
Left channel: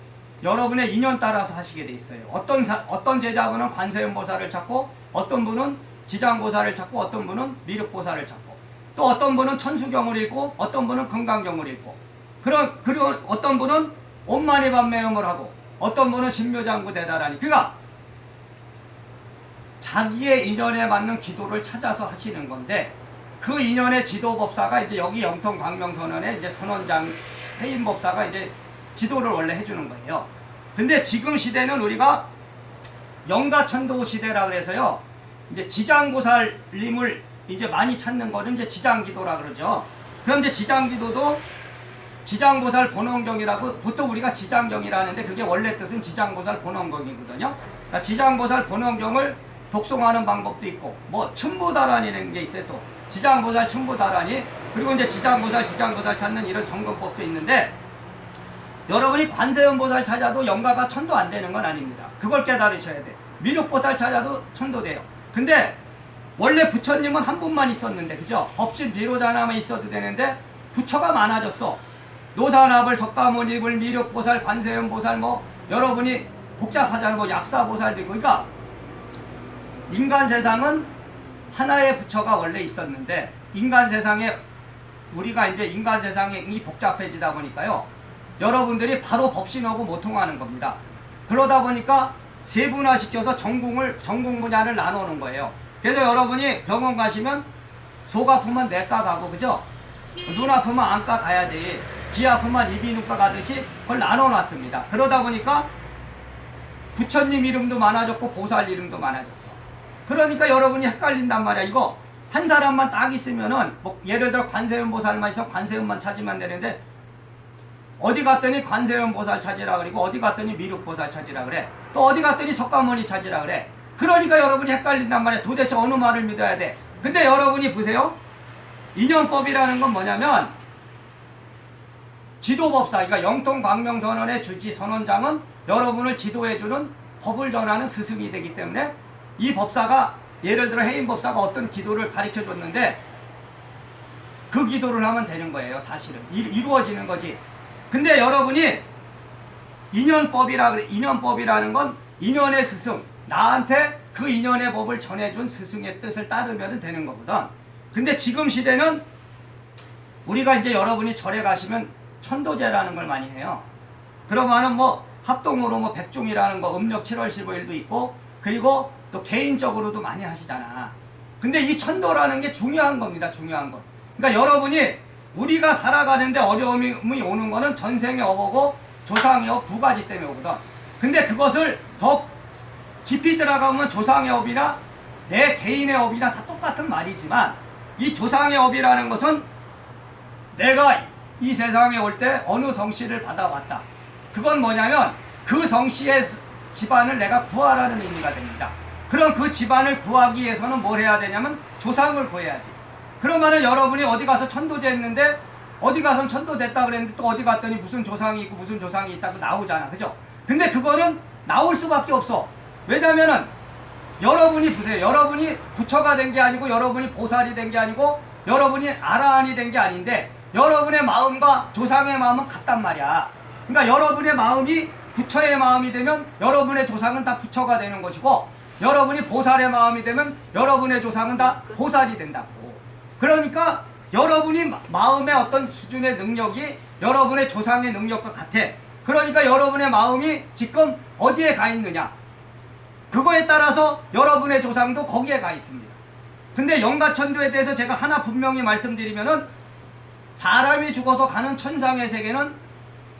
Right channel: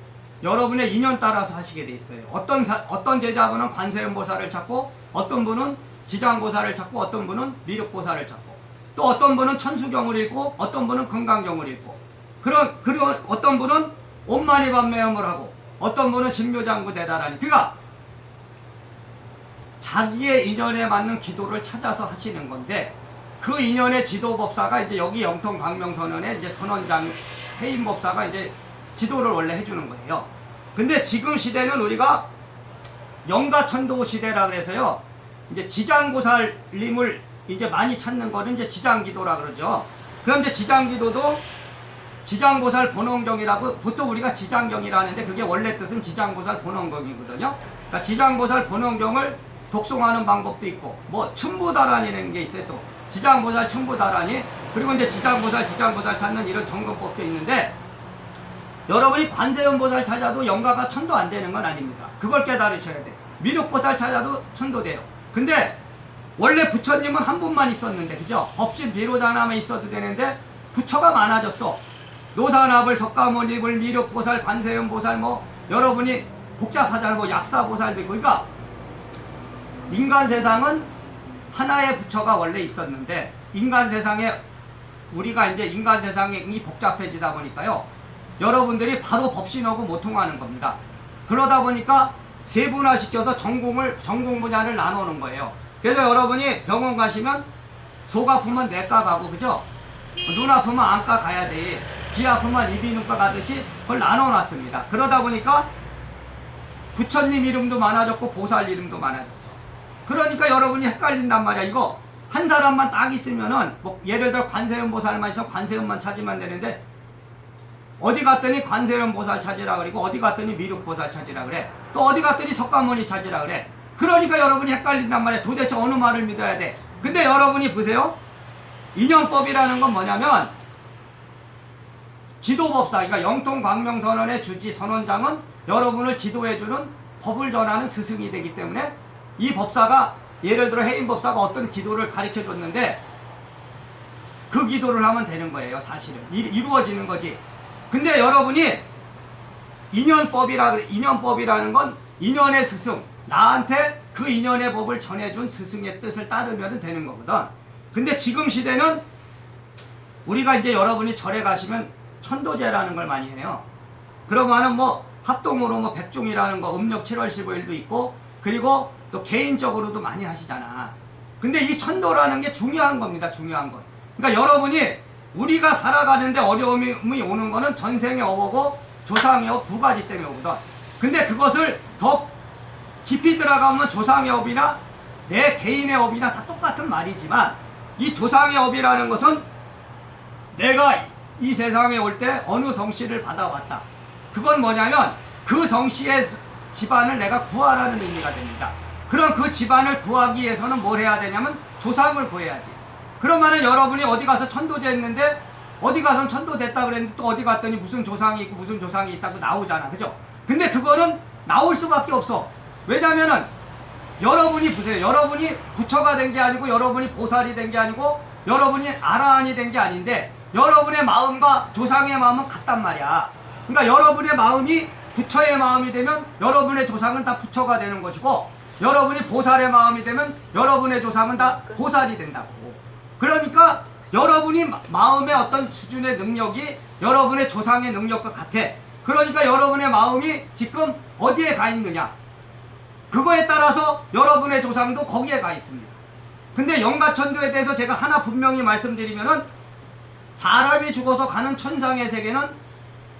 여러분의 인연 따라서 하시게 돼 있어요. 어떤 제자분은 관세음보살을 찾고, 어떤 분은 지장보살을 찾고, 어떤 분은 미륵보살을 찾고, 또 어떤 분은 천수경을 읽고, 어떤 분은 금강경을 읽고, 그리고 어떤 분은 옴마니 밤매음을 하고, 어떤 분은 신묘장구 대다라니. 그러니까 자기의 인연에 맞는 기도를 찾아서 하시는 건데, 그 인연의 지도법사가 이제 여기 영통 광명선언의 이제 선원장 해인법사가 이제 지도를 원래 해주는 거예요. 근데 지금 시대는 우리가 영가천도 시대라 그래서요, 이제 지장보살님을 이제 많이 찾는 거는 이제 지장기도라 그러죠. 그럼 이제 지장기도도 지장보살 본원경이라고, 보통 우리가 지장경이라 하는데 그게 원래 뜻은 지장보살 본원경이거든요. 그러니까 지장보살 본원경을 독송하는 방법도 있고, 뭐 첨부다란이라는 게 있어요. 또 지장보살 첨부다란이, 그리고 이제 지장보살 찾는 이런 점검법도 있는데, 여러분이 관세음보살 찾아도 영가가 천도 안 되는 건 아닙니다. 그걸 깨달으셔야 돼. 미륵보살 찾아도 천도 돼요. 근데 원래 부처님은 한 분만 있었는데, 그죠? 법신 비로자나만 있어도 되는데 부처가 많아졌어. 노산합을, 석가모니불, 미륵보살, 관세음보살, 뭐 여러분이 복잡하잖아. 뭐 약사보살도 있고. 그러니까 인간 세상은 하나의 부처가 원래 있었는데, 인간 세상에 우리가 이제 인간 세상이 복잡해지다 보니까요, 여러분들이 바로 법신하고 못 통하는 겁니다. 그러다 보니까 세분화시켜서 전공 분야를 나누는 거예요. 그래서 여러분이 병원 가시면 속 아프면 내과 가고, 그죠? 눈 아프면 안과 가야지. 귀 아프면 이비인후과 가듯이 그걸 나눠놨습니다. 그러다 보니까 부처님 이름도 많아졌고 보살 이름도 많아졌어. 그러니까 여러분이 헷갈린단 말이야. 이거 한 사람만 딱 있으면은, 뭐 예를 들어 관세음보살만 있으면 관세음만 찾으면 되는데, 어디 갔더니 관세음보살 찾으라 그리고, 어디 갔더니 미륵보살 찾으라 그래, 또 어디 갔더니 석가모니 찾으라 그래. 그러니까 여러분이 헷갈린단 말이야. 도대체 어느 말을 믿어야 돼? 근데 여러분이 보세요. 인연법이라는 건 뭐냐면, 지도법사, 그러니까 영통광명선언의 주지 선원장은 여러분을 지도해주는 법을 전하는 스승이 되기 때문에, 이 법사가 예를 들어 해인법사가 어떤 기도를 가르쳐 줬는데 그 기도를 하면 되는 거예요. 사실은 이루어지는 거지. 근데 여러분이 인연법이라는 건 인연의 스승, 나한테 그 인연의 법을 전해준 스승의 뜻을 따르면 되는 거거든. 근데 지금 시대는 우리가 이제 여러분이 절에 가시면 천도제라는 걸 많이 해요. 그러면은 뭐 합동으로 뭐 백중이라는 거 음력 7월 15일도 있고, 그리고 또 개인적으로도 많이 하시잖아. 근데 이 천도라는 게 중요한 겁니다. 중요한 건. 그러니까 여러분이 우리가 살아가는데 어려움이 오는 거는 전생의 업하고 조상의 업 두 가지 때문에 오거든. 근데 그것을 더 깊이 들어가면 조상의 업이나 내 개인의 업이나 다 똑같은 말이지만, 이 조상의 업이라는 것은 내가 이 세상에 올 때 어느 성씨를 받아왔다. 그건 뭐냐면 그 성씨의 집안을 내가 구하라는 의미가 됩니다. 그럼 그 집안을 구하기 위해서는 뭘 해야 되냐면 조상을 구해야지. 그러면은 여러분이 어디 가서 천도제 했는데, 어디 가서 천도 됐다 그랬는데 또 어디 갔더니 무슨 조상이 있고 무슨 조상이 있다고 나오잖아. 그죠? 근데 그거는 나올 수밖에 없어. 왜냐면은 여러분이 보세요. 여러분이 부처가 된 게 아니고, 여러분이 보살이 된 게 아니고, 여러분이 아라한이 된 게 아닌데, 여러분의 마음과 조상의 마음은 같단 말이야. 그러니까 여러분의 마음이 부처의 마음이 되면 여러분의 조상은 다 부처가 되는 것이고, 여러분이 보살의 마음이 되면 여러분의 조상은 다 보살이 된다고. 그러니까 여러분이 마음의 어떤 수준의 능력이 여러분의 조상의 능력과 같아. 그러니까 여러분의 마음이 지금 어디에 가 있느냐, 그거에 따라서 여러분의 조상도 거기에 가 있습니다. 근데 영가천도에 대해서 제가 하나 분명히 말씀드리면은, 사람이 죽어서 가는 천상의 세계는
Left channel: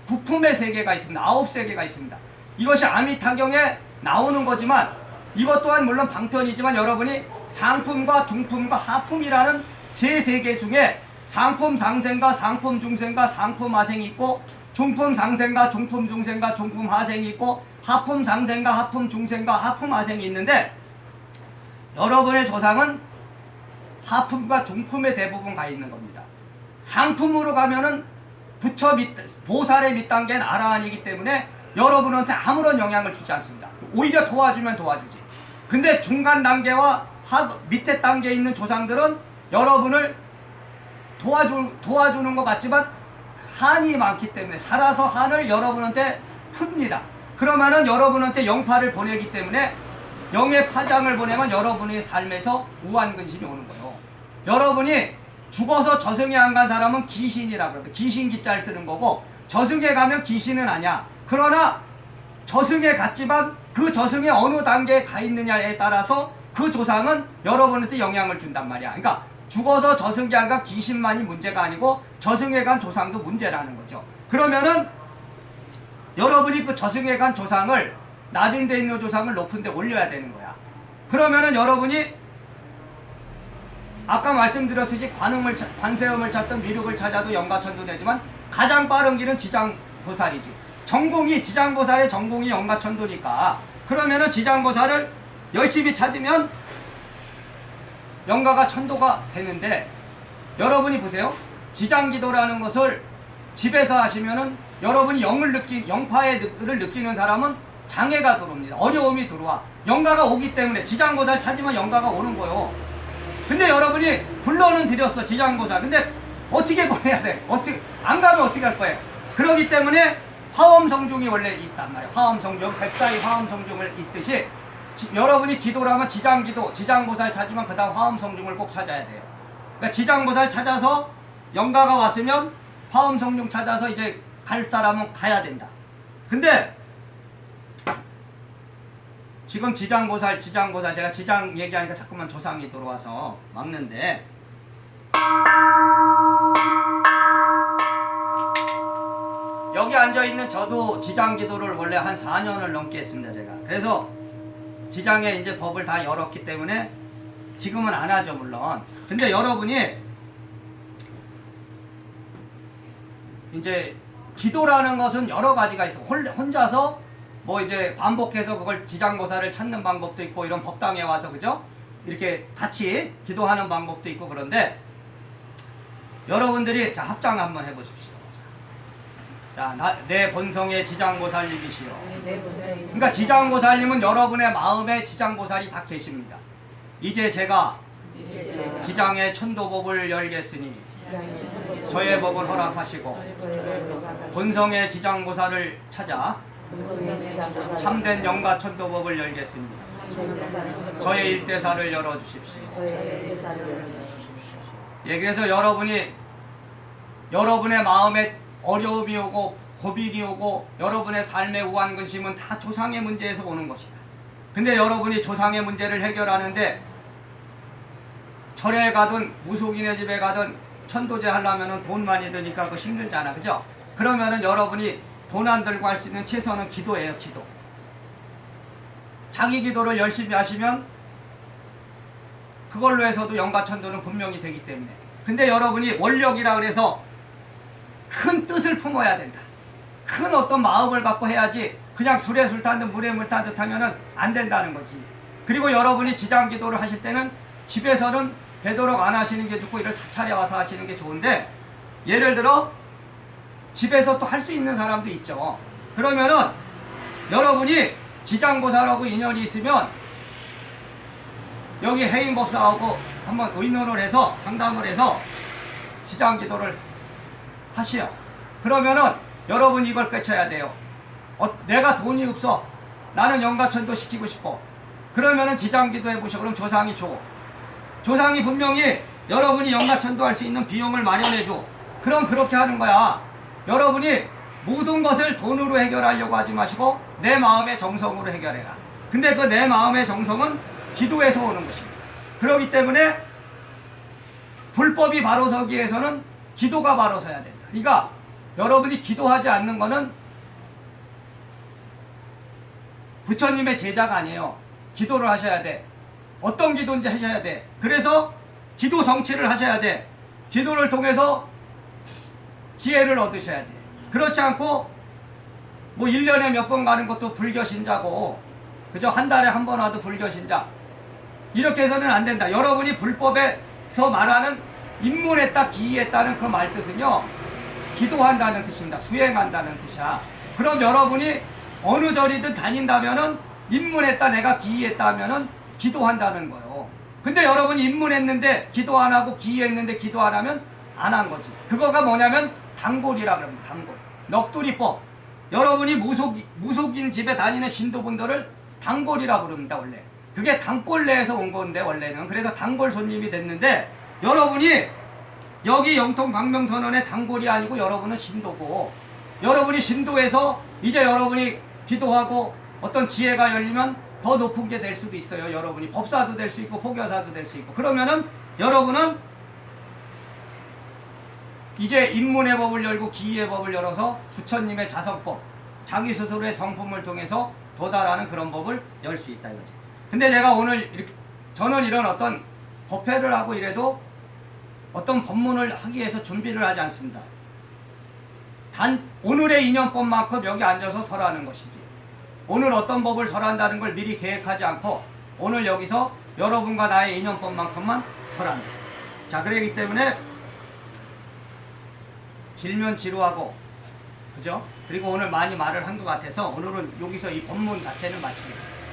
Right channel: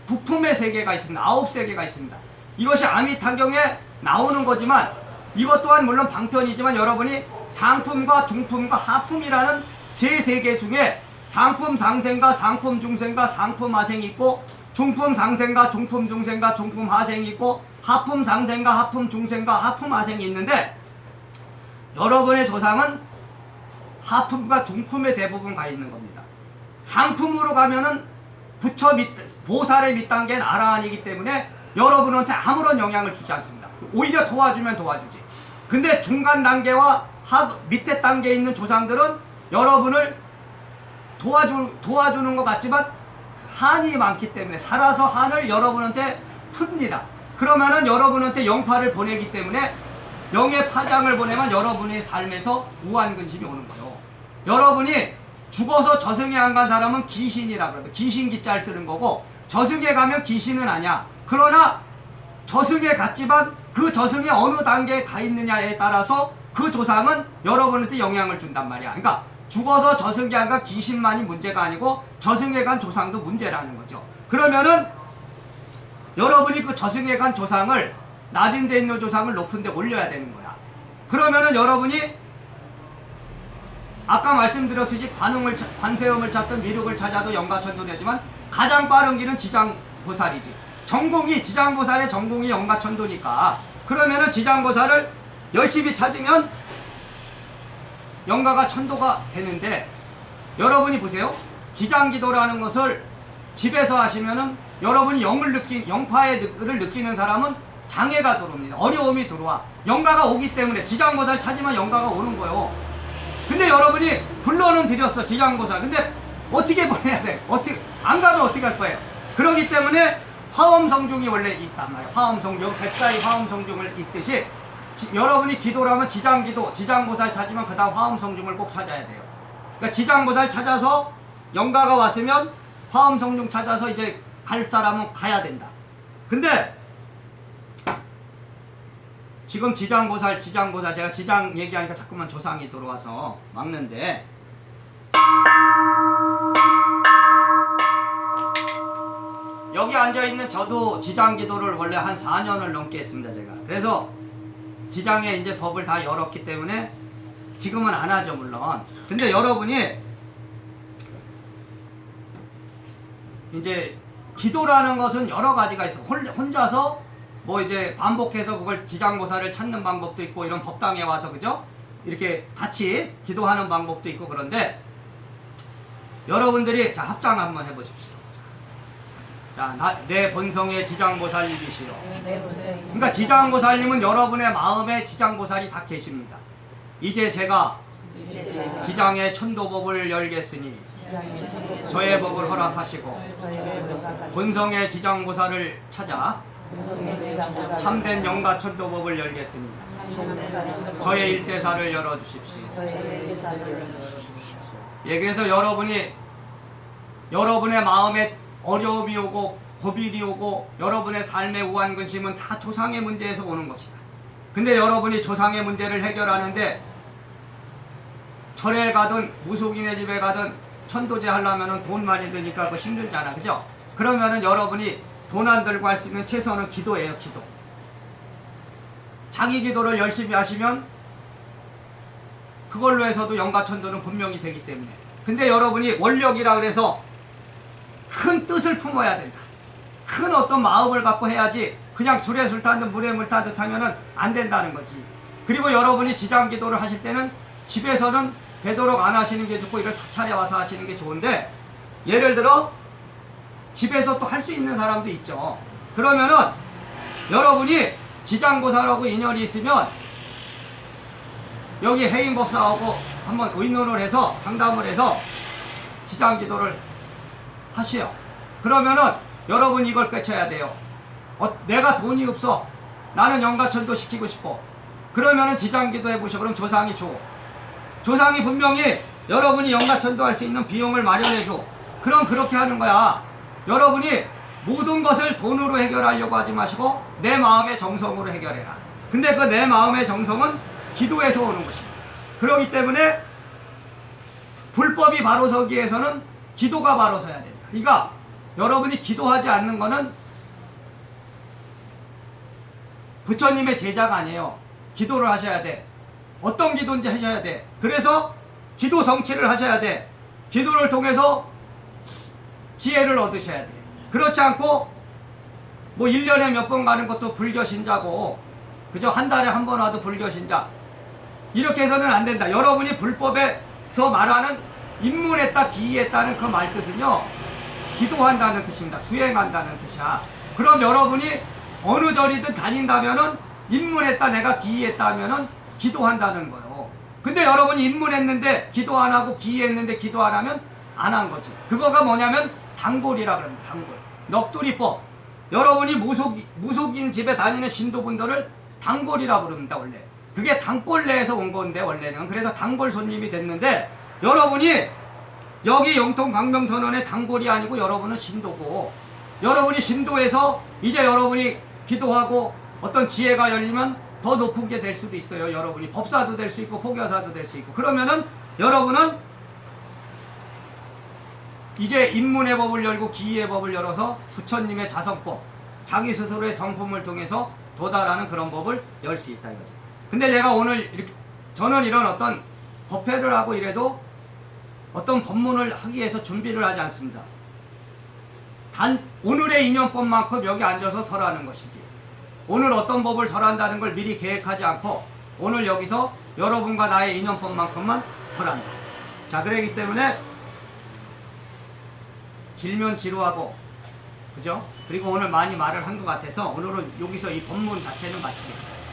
부품의 세계가 있습니다. 9세계가 있습니다. 이것이 아미타경에 나오는 거지만, 이것 또한 물론 방편이지만, 여러분이 상품과 중품과 하품이라는 세 세계 중에 상품 상생과 상품 중생과 상품 하생이 있고, 중품 상생과 중품 중생과 중품 하생이 있고, 하품 상생과 하품 중생과 하품 하생이 있는데 여러분의 조상은 하품과 중품에 대부분 가 있는 겁니다. 상품으로 가면은 부처 보살의 밑단계는 아라한이기 때문에 여러분한테 아무런 영향을 주지 않습니다. 오히려 도와주면 도와주지. 근데 중간 단계와 밑에 단계에 있는 조상들은 여러분을 도와주는 것 같지만 한이 많기 때문에 살아서 한을 여러분한테 풉니다. 그러면은 여러분한테 영파를 보내기 때문에 영의 파장을 보내면 여러분의 삶에서 우환근심이 오는 거예요. 여러분이 죽어서 저승에 안 간 사람은 귀신이라 그럽니다. 귀신 기자를 쓰는 거고 저승에 가면 귀신은 아니야. 그러나 저승에 갔지만 그 저승에 어느 단계에 가 있느냐에 따라서 그 조상은 여러분한테 영향을 준단 말이야. 그러니까 죽어서 저승에 안 간 귀신만이 문제가 아니고 저승에 간 조상도 문제라는 거죠. 그러면은 여러분이 그 저승에 간 조상을 낮은 데 있는 조상을 높은 데 올려야 되는 거야. 그러면은 여러분이 아까 말씀드렸듯이 관세음을 찾든 미륵을 찾아도 영가천도 되지만 가장 빠른 길은 지장보살이지. 전공이 지장보살의 전공이 영가천도니까 그러면은 지장보살을 열심히 찾으면 영가가 천도가 되는데 여러분이 보세요. 지장기도라는 것을 집에서 하시면은 여러분이 영파를 느끼는 사람은 장애가 들어옵니다. 어려움이 들어와. 영가가 오기 때문에 지장보살 찾으면 영가가 오는 거예요. 근데 여러분이 불러는 드렸어, 지장보살. 근데 어떻게 보내야 돼? 안 가면 어떻게 할 거예요? 그러기 때문에 화엄성중이 원래 있단 말이에요. 화엄성중, 백사의 화엄성중을 있듯이 여러분이 기도를 하면 지장기도, 지장보살 찾으면 그 다음 화엄성중을 꼭 찾아야 돼요. 그러니까 지장보살 찾아서 영가가 왔으면 화엄성중 찾아서 이제 갈 사람은 가야 된다. 근데 지금 지장보살 제가 지장 얘기하니까 자꾸만 조상이 들어와서 막는데 여기 앉아있는 저도 지장기도를 원래 한 4년을 넘게 했습니다. 제가 그래서 지장에 이제 법을 다 열었기 때문에 지금은 안 하죠 물론. 근데 여러분이 이제 기도라는 것은 여러 가지가 있어. 혼자서 뭐 이제 반복해서 그걸 지장보살을 찾는 방법도 있고 이런 법당에 와서 그죠? 이렇게 같이 기도하는 방법도 있고 그런데 여러분들이 자 합장 한번 해보십시오. 자, 내 본성의 지장보살님이시여. 그러니까 지장보살님은 여러분의 마음에 지장보살이 다 계십니다. 이제 제가 지장의 천도법을 열겠으니 저의 법을 허락하시고 본성의 지장보살을 찾아 참된 영가천도법을 열겠으니 저의 일대사를 열어주십시오. 예, 그래서 여러분의 마음에 어려움이 오고 고비이 오고 여러분의 삶의 우환근심은 다 조상의 문제에서 오는 것이다. 근데 여러분이 조상의 문제를 해결하는데 절에 가든 무속인의 집에 가든 천도제 하려면 돈 많이 드니까 그거 힘들잖아. 그죠? 그러면은 여러분이 돈 안 들고 할 수 있는 최선은 기도예요. 기도. 자기 기도를 열심히 하시면 그걸로 해서도 영가천도는 분명히 되기 때문에. 근데 여러분이 원력이라 그래서 큰 뜻을 품어야 된다. 큰 어떤 마음을 갖고 해야지 그냥 술에 술 탄 듯 물에 물 탄 듯 하면은 안 된다는 거지. 그리고 여러분이 지장기도를 하실 때는 집에서는 되도록 안 하시는 게 좋고 이걸 사찰에 와서 하시는 게 좋은데 예를 들어 집에서 또 할 수 있는 사람도 있죠. 그러면은 여러분이 지장보살하고 인연이 있으면 여기 해인법사하고 한번 의논을 해서 상담을 해서 지장기도를 하시오. 그러면은 여러분이 이걸 깨쳐야 돼요. 내가 돈이 없어. 나는 영가천도 시키고 싶어. 그러면은 지장기도 해보시오. 그럼 조상이 줘. 조상이 분명히 여러분이 영가천도 할 수 있는 비용을 마련해줘. 그럼 그렇게 하는 거야. 여러분이 모든 것을 돈으로 해결하려고 하지 마시고 내 마음의 정성으로 해결해라. 근데 그 내 마음의 정성은 기도에서 오는 것입니다. 그렇기 때문에 불법이 바로 서기 위해서는 기도가 바로 서야 된다. 그러니까 여러분이 기도하지 않는 거는 부처님의 제자가 아니에요. 기도를 하셔야 돼. 어떤 기도인지 하셔야 돼. 그래서 기도 성취를 하셔야 돼. 기도를 통해서 지혜를 얻으셔야 돼. 그렇지 않고 뭐 1년에 몇 번 가는 것도 불교신자고, 그죠? 한 달에 한 번 와도 불교신자. 이렇게 해서는 안 된다. 여러분이 불법에서 말하는 입문했다, 기이했다는 그 말 뜻은요, 기도한다는 뜻입니다. 수행한다는 뜻이야. 그럼 여러분이 어느 절이든 다닌다면은 입문했다, 내가 기이했다 하면은 기도한다는 거예요. 근데 여러분이 입문했는데 기도 안 하고 기이했는데 기도 안 하면 안 한 거지. 그거가 뭐냐면 단골이라 그럽니다. 단골. 넋두리법. 여러분이 무속인 집에 다니는 신도분들을 단골이라 부릅니다. 원래. 그게 단골 내에서 온 건데 원래는. 그래서 단골 손님이 됐는데, 여러분이 여기 영통 광명선언의 단골이 아니고 여러분은 신도고, 여러분이 신도에서 이제 여러분이 기도하고 어떤 지혜가 열리면 더 높은 게 될 수도 있어요. 여러분이 법사도 될 수 있고 포교사도 될 수 있고. 그러면은 여러분은 이제 입문의 법을 열고 기이의 법을 열어서 부처님의 자성법, 자기 스스로의 성품을 통해서 도달하는 그런 법을 열 수 있다 이거지. 근데 제가 오늘 이렇게, 저는 이런 어떤 법회를 하고 이래도 어떤 법문을 하기 위해서 준비를 하지 않습니다. 단 오늘의 인연법만큼 여기 앉아서 설하는 것이지, 오늘 어떤 법을 설한다는 걸 미리 계획하지 않고 오늘 여기서 여러분과 나의 인연법만큼만 설한다. 자, 그러기 때문에 길면 지루하고, 그죠? 그리고 오늘 많이 말을 한 것 같아서 오늘은 여기서 이 법문 자체는 마치겠습니다.